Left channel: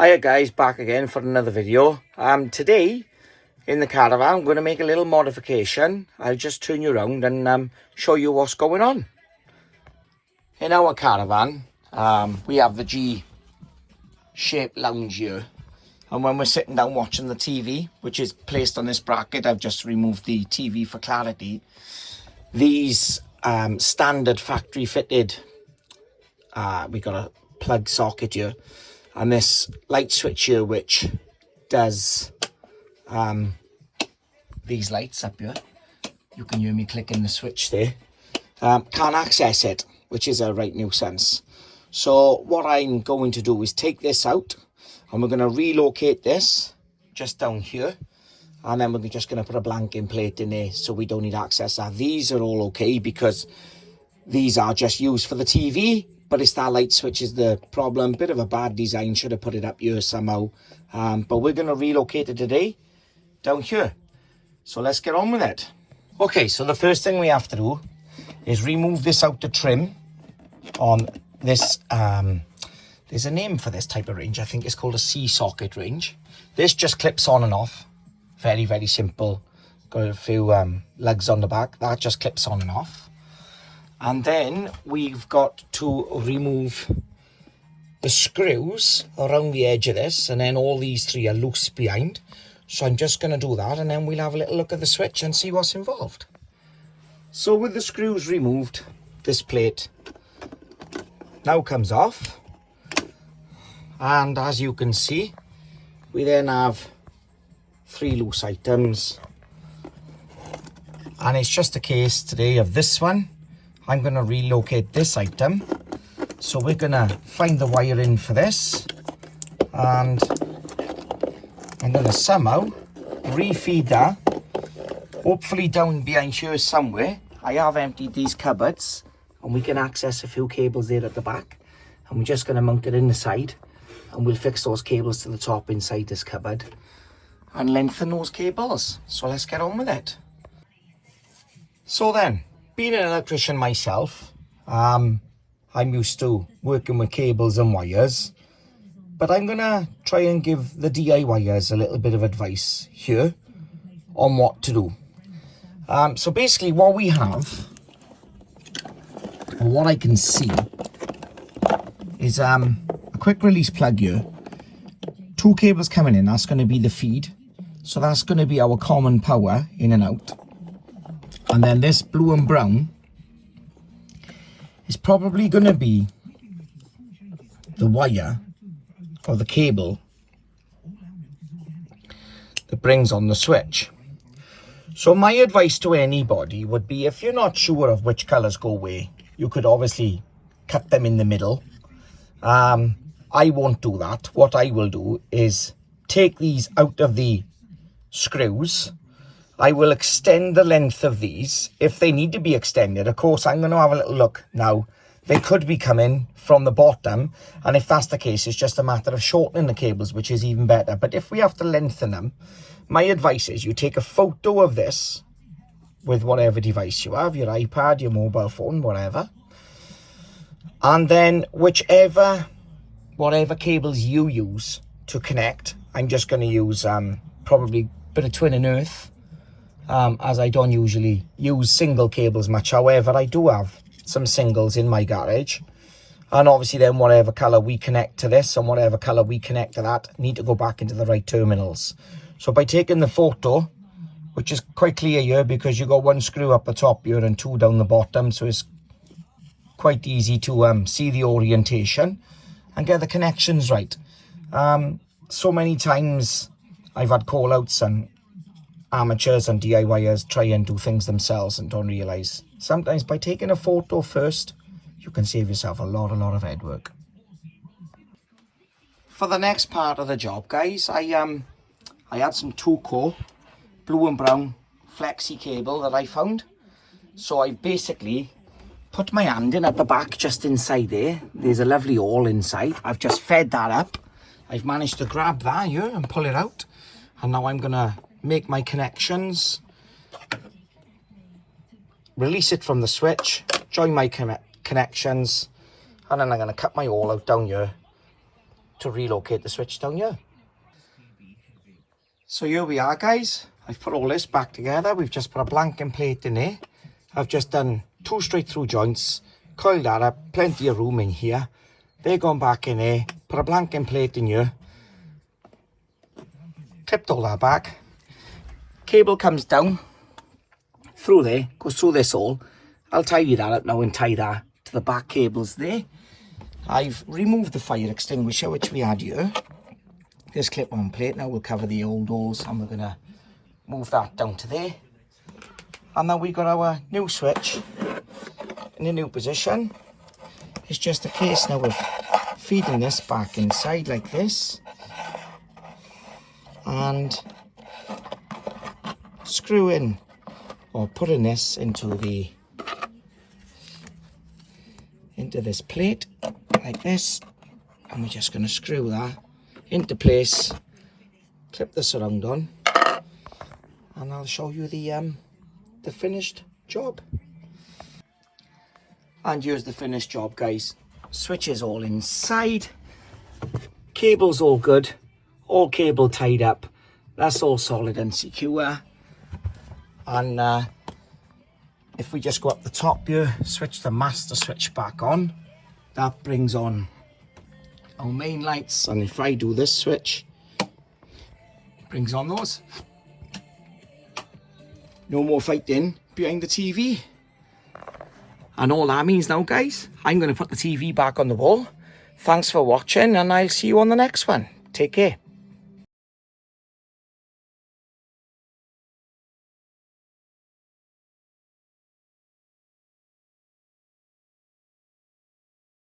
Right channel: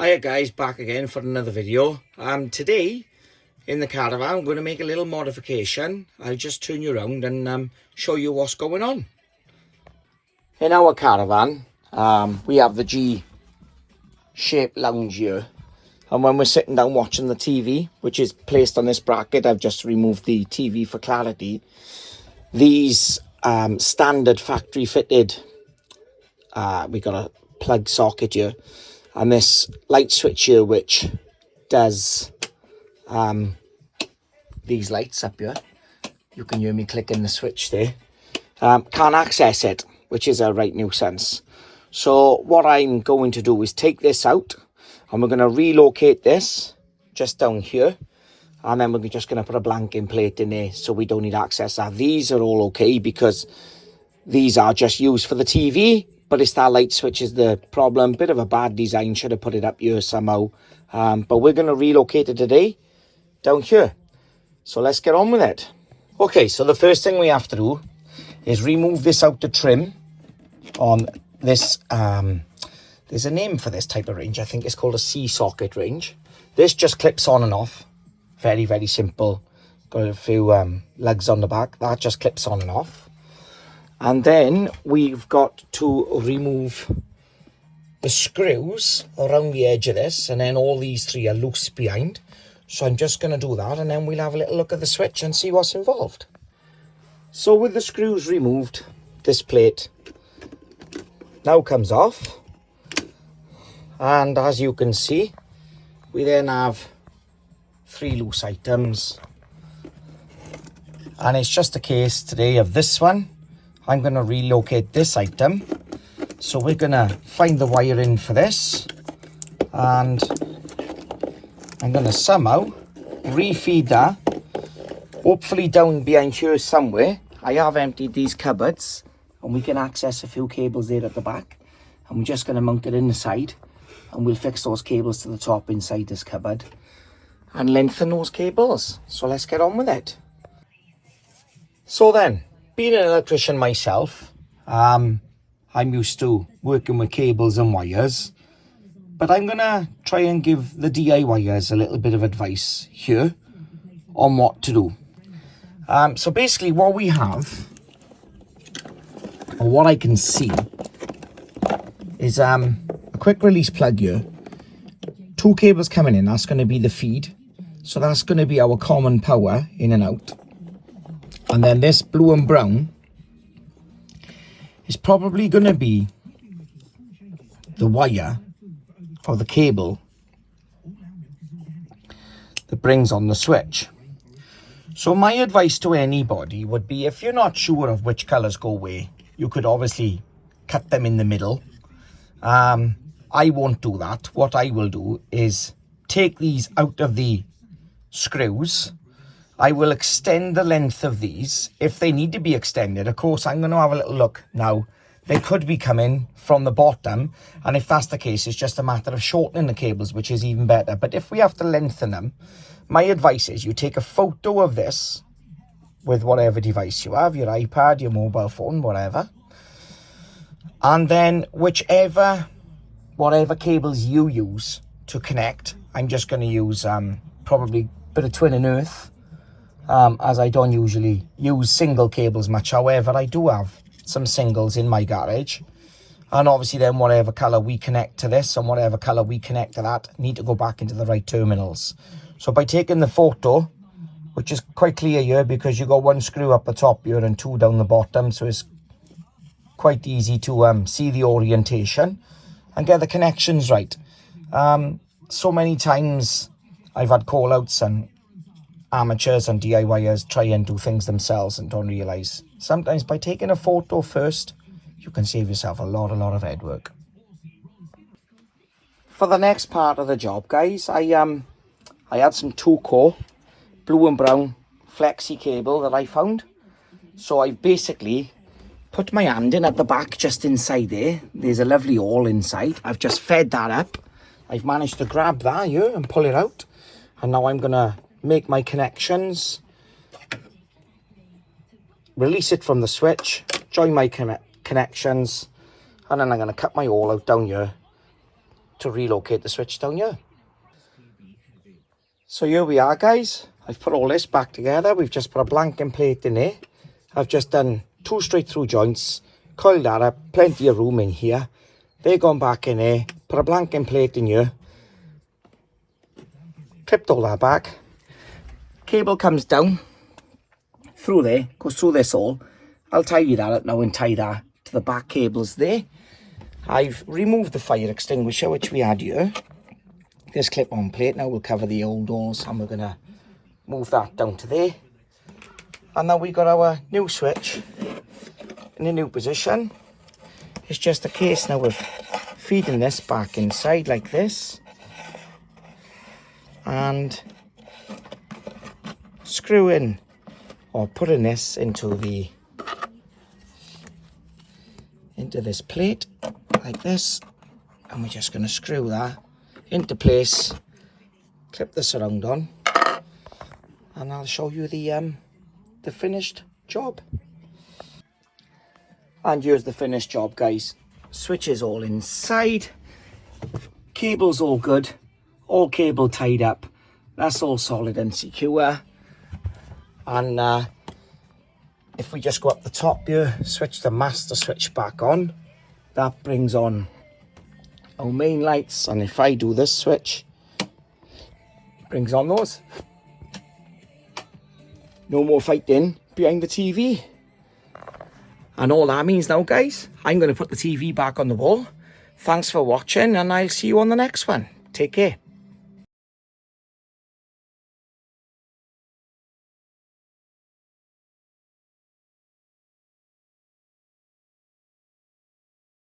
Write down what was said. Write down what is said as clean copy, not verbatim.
Hiya guys, back again for another video. Today in the caravan I'm going to make a little modification. I'll just turn you around and show you what's going on. In our caravan we have the G-shaped lounge here, and when we're sitting down watching the TV, which is placed on this bracket, I've just removed the TV for clarity. These standard factory fitted, we got a plug socket here and this light switch here which does these lights up here. You can hear me clicking the switch there. Can't access it, which is a right nuisance. So what I'm going to do is take this out and we're going to relocate this just down here, and then we're just going to put a blanking plate in there so we don't need access. Now these are all okay because these are just used for the TV, but it's that light switch is the problem. Bit of a bad design, should have put it up here somehow. But we're going to relocate it today down here. So let's get on with it. Okay, so the first thing we have to do is remove this out the trim on this. There's a name for this type of range. I think it's called a C-socket range. This just clips on and off. Very, very simple. Got a few lugs on the back. That just clips on and off. And then we've got to remove the screws around the edge of this, and then all these three are loose behind. So I'm just going to do that, and then we'll have a little look at the switch and see what's involved. So with the screws removed, this plate now comes off. And as you can see, we then have three loose items. And it's just a case today of this one. I'm going to relocate this item. So we're going to find the wiring for this. And I'm going to somehow refeed that. Hopefully down behind here somewhere. I have emptied these cupboards, and we can access a few cables there at the back. I'm just going to mount it in the side, and we'll fix those cables to the top inside this cupboard and lengthen those cables. So let's get on with it. So then, being an electrician myself, I'm used to working with cables and wires, but I'm going to try and give the DIYers a little bit of advice here on what to do. So basically what we have, or what I can see, is a quick release plug here. Two cables coming in, that's going to be the feed. So that's going to be our common power in and out. And then this blue and brown is probably going to be the wire or the cable that brings on the switch. So my advice to anybody would be, if you're not sure of which colours go where, you could obviously cut them in the middle. I won't do that. What I will do is take these out of the screws. I will extend the length of these if they need to be extended. Of course, I'm going to have a little look now. They could be coming from the bottom, and if that's the case, it's just a matter of shortening the cables, which is even better. But if we have to lengthen them, my advice is you take a photo of this with whatever device you have, your iPad, your mobile phone, whatever. And then whatever cables you use to connect, I'm just going to use probably a bit of twin and earth, as I don't usually use single cables much. However, I do have some singles in my garage, and obviously then whatever colour we connect to this and whatever colour we connect to that need to go back into the right terminals. So by taking the photo, which is quite clear here because you got one screw up the top here and two down the bottom, so it's quite easy to see the orientation and get the connections right. So many times I've had call outs and amateurs and DIYers try and do things themselves and don't realise sometimes by taking a photo first you can save yourself a lot of head work. For the next part of the job, guys, I had some 2-core blue and brown flexi cable that I found. So I basically put my hand in at the back, just inside there. There's a lovely hole inside. I've just fed that up. I've managed to grab that here and pull it out. And now I'm going to make my connections, release it from the switch, join my connections, and then I'm going to cut my hole out down here to relocate the switch down here. So here we are, guys. I've put all this back together. We've just put a blanking plate in there. I've just done 2 straight through joints, coiled that up, plenty of room in here. They're gone back in there, put a blanking plate in here, clipped all that back. Cable comes down through there, goes through this hole. I'll tidy that up now and tie that to the back cables there. I've removed the fire extinguisher which we had here. This clip-on plate now will cover the old holes, and we're going to move that down to there. And now we've got our new switch in a new position. It's just a case now of feeding this back inside like this and screwing or putting this into this plate like this, and we're just going to screw that into place, clip the surround on, and I'll show you the finished job. And here's the finished job, guys. Switch is all inside, cable's all good, all cable tied up, that's all solid and secure. And if we just go up the top here, switch the master switch back on, that brings on our main lights. And if I do this switch, it brings on those. No more fighting behind the TV. And all that means now, guys, I'm going to put the TV back on the wall. Thanks for watching, and I'll see you on the next one. Take care.